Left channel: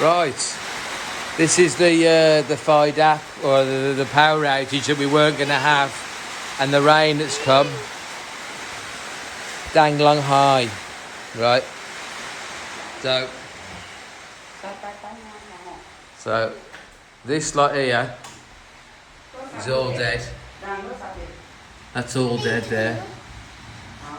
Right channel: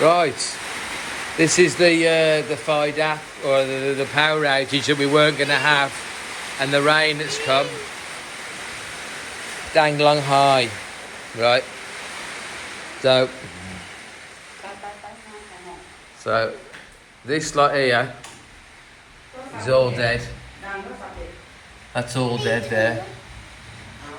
Right. This is the FIDAP, or the power outage that we weren't going to have, and the rain that's come. Dang long high. Right. So this lot here is all dead. That's all dead there.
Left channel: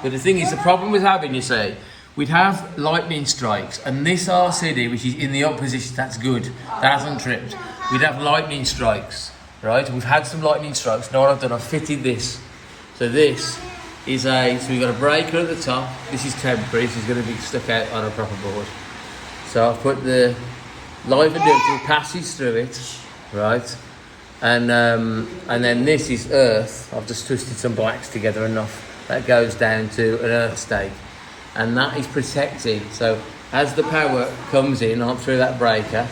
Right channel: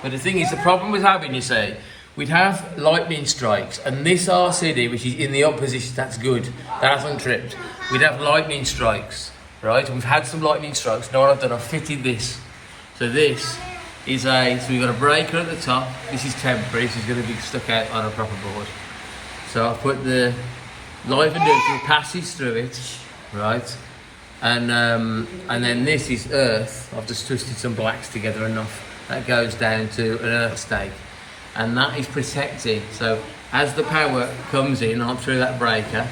But the thing is, the problem with having, you see, we'd have lightning strikes, and this RCD, which is in the opposition, that's good. That hasn't tripped. We'd have lightning strikes, right? We've had some lightning strikes. Now what I've done, I've fitted this. So this is so we've got a breaker at the top. This is temporary. This is going to be stuck out on a proper board. So I've put the live and neutral passes through it, right? And then this is earth. I've just twisted some blacks together enough. That goes down to an earth stake. And that is protecting. So as the power comes in up through that breaker,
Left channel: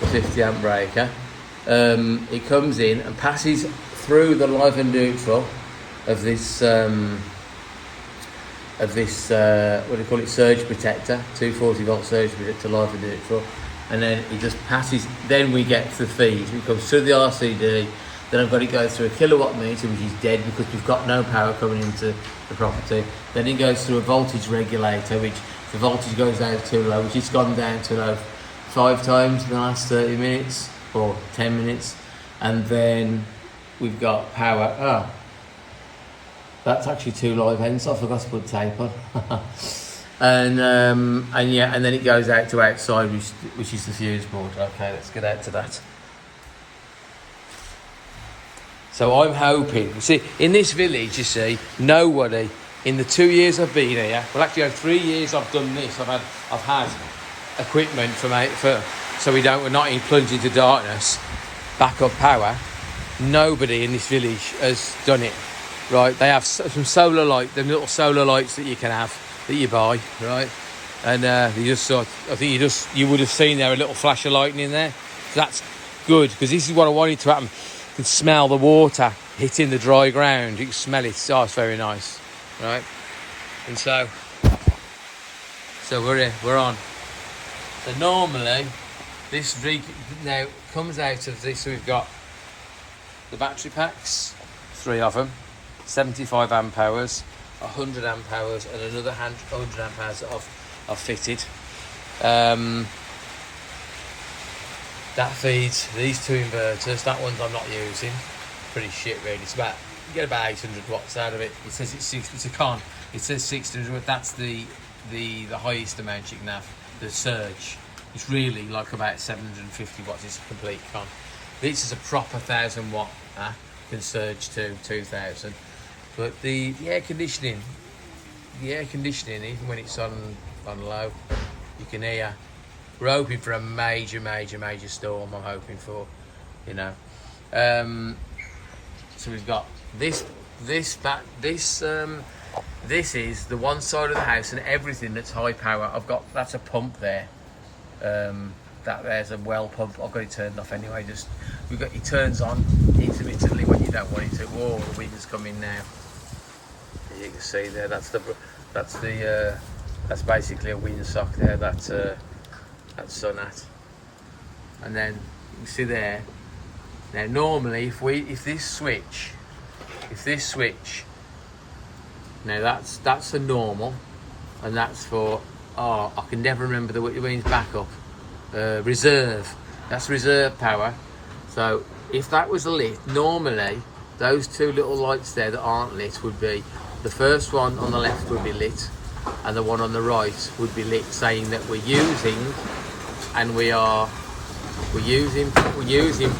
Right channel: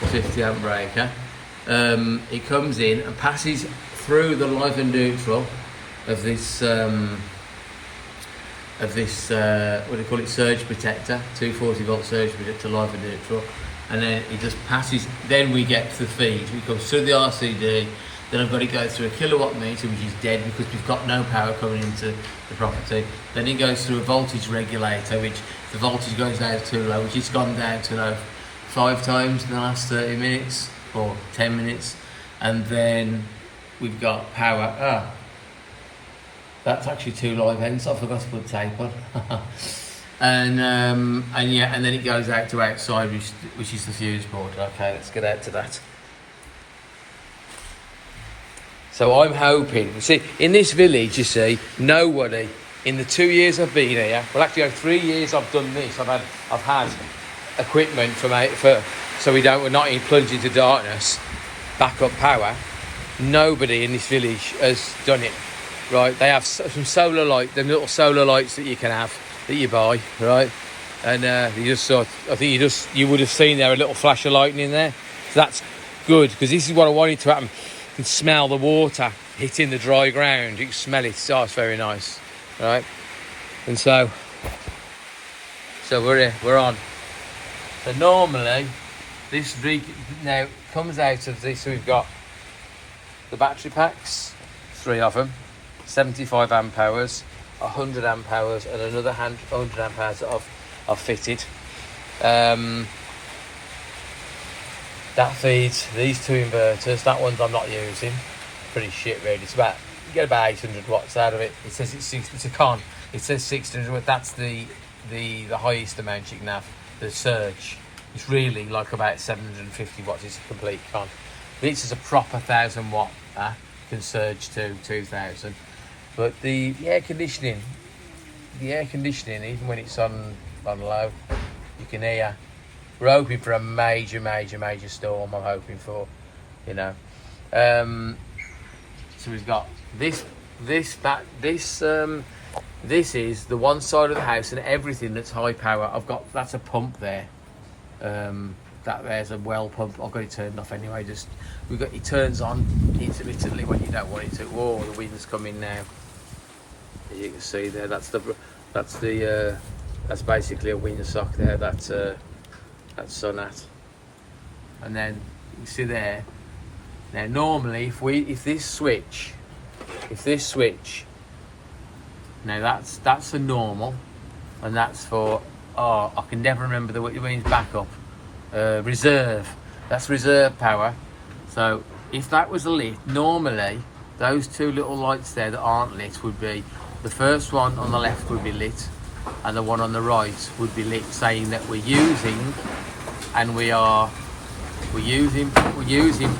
the 50 amp breaker, it comes in and passes through the live and neutral of this what do you call it, surge protector, 240 volt surge protector, live and neutral, and then it just passes. Then we get to the feed. It comes through the RCD. Then I've got to go through a kilowatt meter, which is dead because we've got no power coming into the property. Then it goes through a voltage regulator, which the voltage goes down too low, which it's gone down to low 5 times in the last 30 minutes or 10 minutes. And then we've got power. Oh, that's actually 2 live ends. I forgot to put tape on. and then it goes out to outside, which is the fuse board. Okay, let's get out to that. So I'm hoping, see, in this village, you see, nobody, in the 2 years I've been here, well actually 3 years I've done this, I've had equipment so we're not plunged into darkness, backup power. Nobody in this village has done it, right? They have some solar light, them little solar lights that you can have, that you buy, right? And you would have seen there a little flash of lightning there. So that's good, because this is what I wanted to happen. You can smell the water hitting the dry ground. You can smell it. Oh, it's very nice, right? And so we're here. We're on. So normally, this now comes out of this. So we've got the battery packs, 3 of them, 75 amp hours, 100 amp hours, and another 100 amp hours that I've fitted. That feeds these 2 inverters. That one's I'm not using. Pretty shit, really. It's about, you get about 800 watts out of it. It says it's a con. It says 600, but that's the highest amount you can have. The surge. It's really like about 750 watts. It's a complete con. This is a proper 1,000 watt. Can surge to 2,000. But the air conditioning, even when it's on low, you can hear. We're hoping for a major storm. I'm hoping for, you know. So we've got this is the one side of the house, and everything that's high power. That's a pump there. That there's a well pump. I've got it turned off anyway. It turns on intermittently when you don't want it to. Whoa, the wind's coming now. As you can see there, that's basically a windsock there. That's Sonat. And then you see there. Now normally, if this switch, now that's for normal, and that's for I can never remember what it means. Backup, reserve. That's reserve power. So if that was lit, normally those 2 little lights there that aren't lit would be, the first one on the left would be lit, and the one on the right would be lit, saying that we're using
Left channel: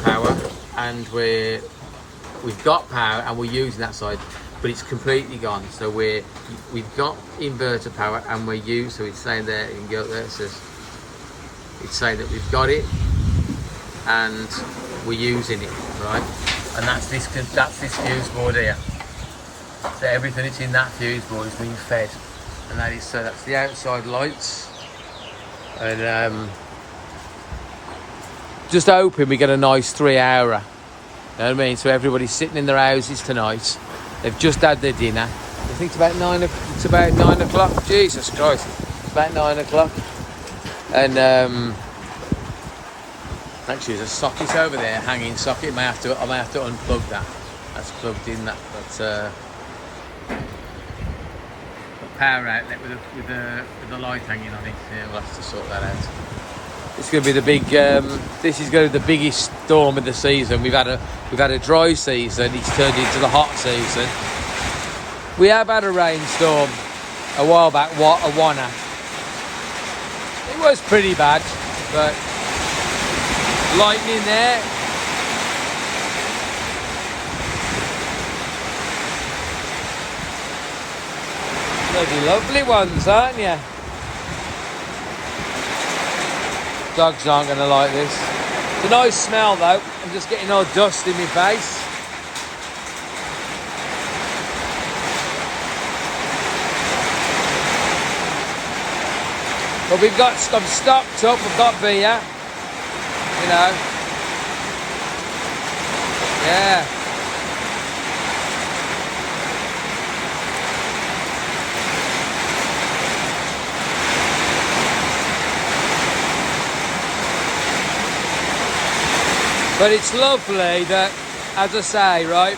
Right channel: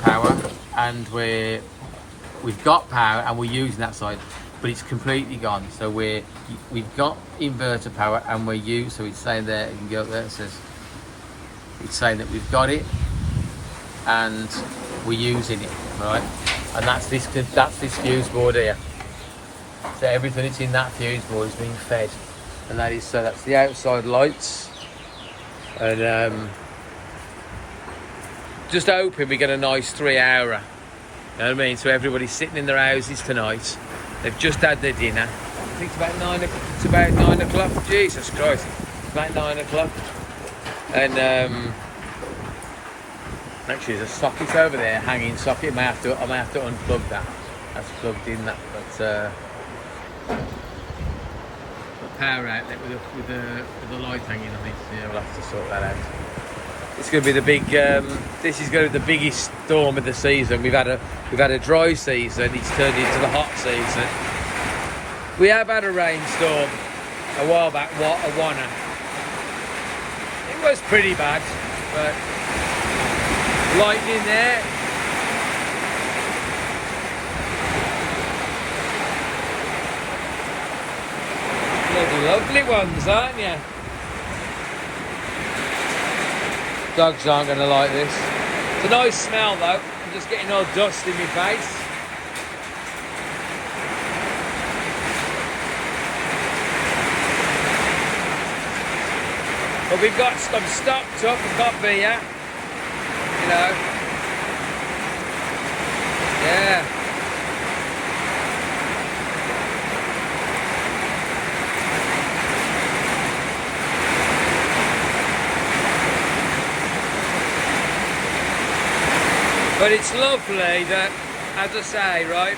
power, and we've got power and we're using that side, but it's completely gone. So we've got inverter power and so it's saying there, you can go up there, it's saying that we've got it and we're using it, right? And that's this fuse board here. So everything that's in that fuse board is being fed, and that's the outside lights. And just hoping we get a nice 3 hour. You know what I mean? So everybody's sitting in their houses tonight. They've just had their dinner. I think it's about 9 o'clock. Jesus Christ. It's about 9 o'clock. And Actually, there's a socket over there, hanging socket. I may have to unplug that. That's plugged in. That power outlet with the light hanging on it. Yeah, we'll have to sort that out. It's going to be the big. This is going to be the biggest storm of the season. We've had a dry season. It's turned into the hot season. We have had a rainstorm a while back. What a wanna! It was pretty bad, but lightning there. Bloody lovely ones, aren't you? Dogs aren't going to like this. It's a nice smell though. I'm just getting all dust in my face. But I'm stocked up. We've got beer. You know. Yeah. But it's lovely that, as I say, right,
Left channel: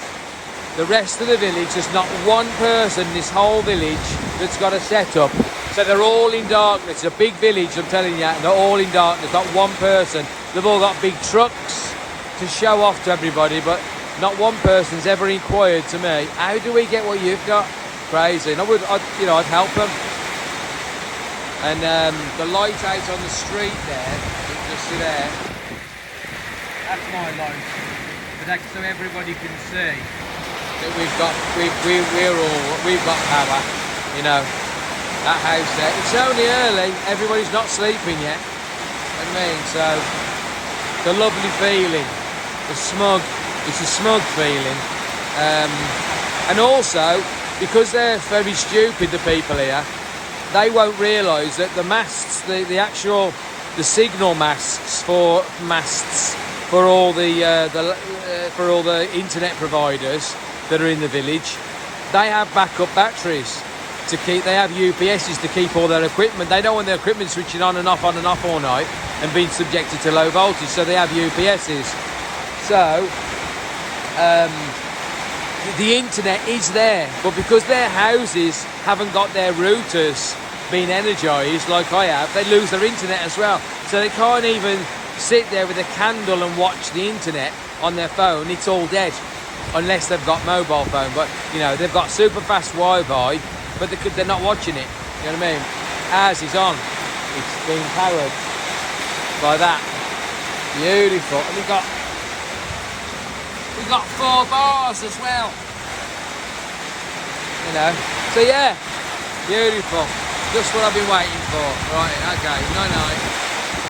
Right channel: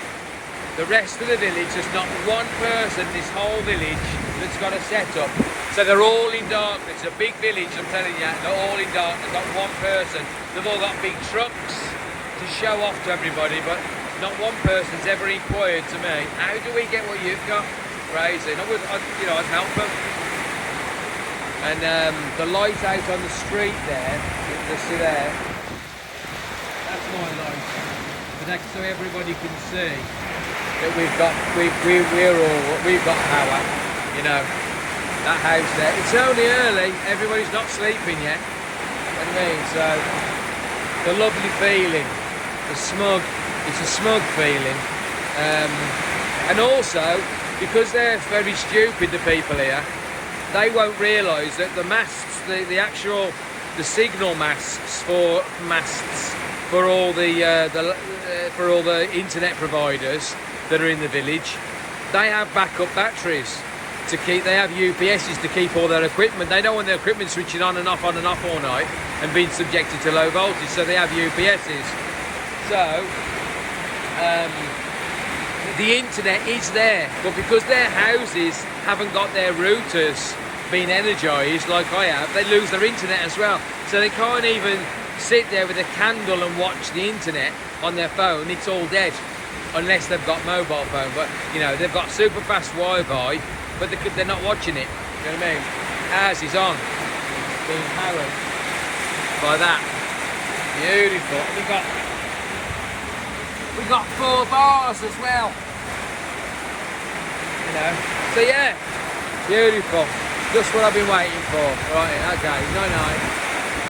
the rest of the village, there's not one person in this whole village that's got a setup. So they're all in darkness. It's a big village, I'm telling you, they're all in darkness, not one person. They've all got big trucks to show off to everybody, but not one person's ever inquired to me, how do we get what you've got? Crazy. And I'd help them. And the light out on the street there, you can just see there, that's my light, but that's so everybody can see that we've got power, you know. That house there, it's only early, everybody's not sleeping yet. You know what I mean? So the lovely feeling, it's a smug feeling, and also because they're very stupid, the people here, they won't realise that the masts, the signal masts for all the internet providers that are in the village, they have backup batteries they have UPSs to keep all their equipment. They don't want their equipment switching on and off all night and being subjected to low voltage, so they have UPSs. So the internet is there, but because their houses haven't got their routers being energised like I have, they lose their internet as well. So they can't even sit there with a candle and watch the internet on their phone. It's all dead unless they've got mobile phone. But you know, they've got super fast Wi-Fi, but they're not watching it. You know what I mean? Ours is on. It's being powered by that. Beautiful. And we got 4 bars as well. You know. So yeah, beautiful. Just what I've been waiting for. Right. Okay. Night night.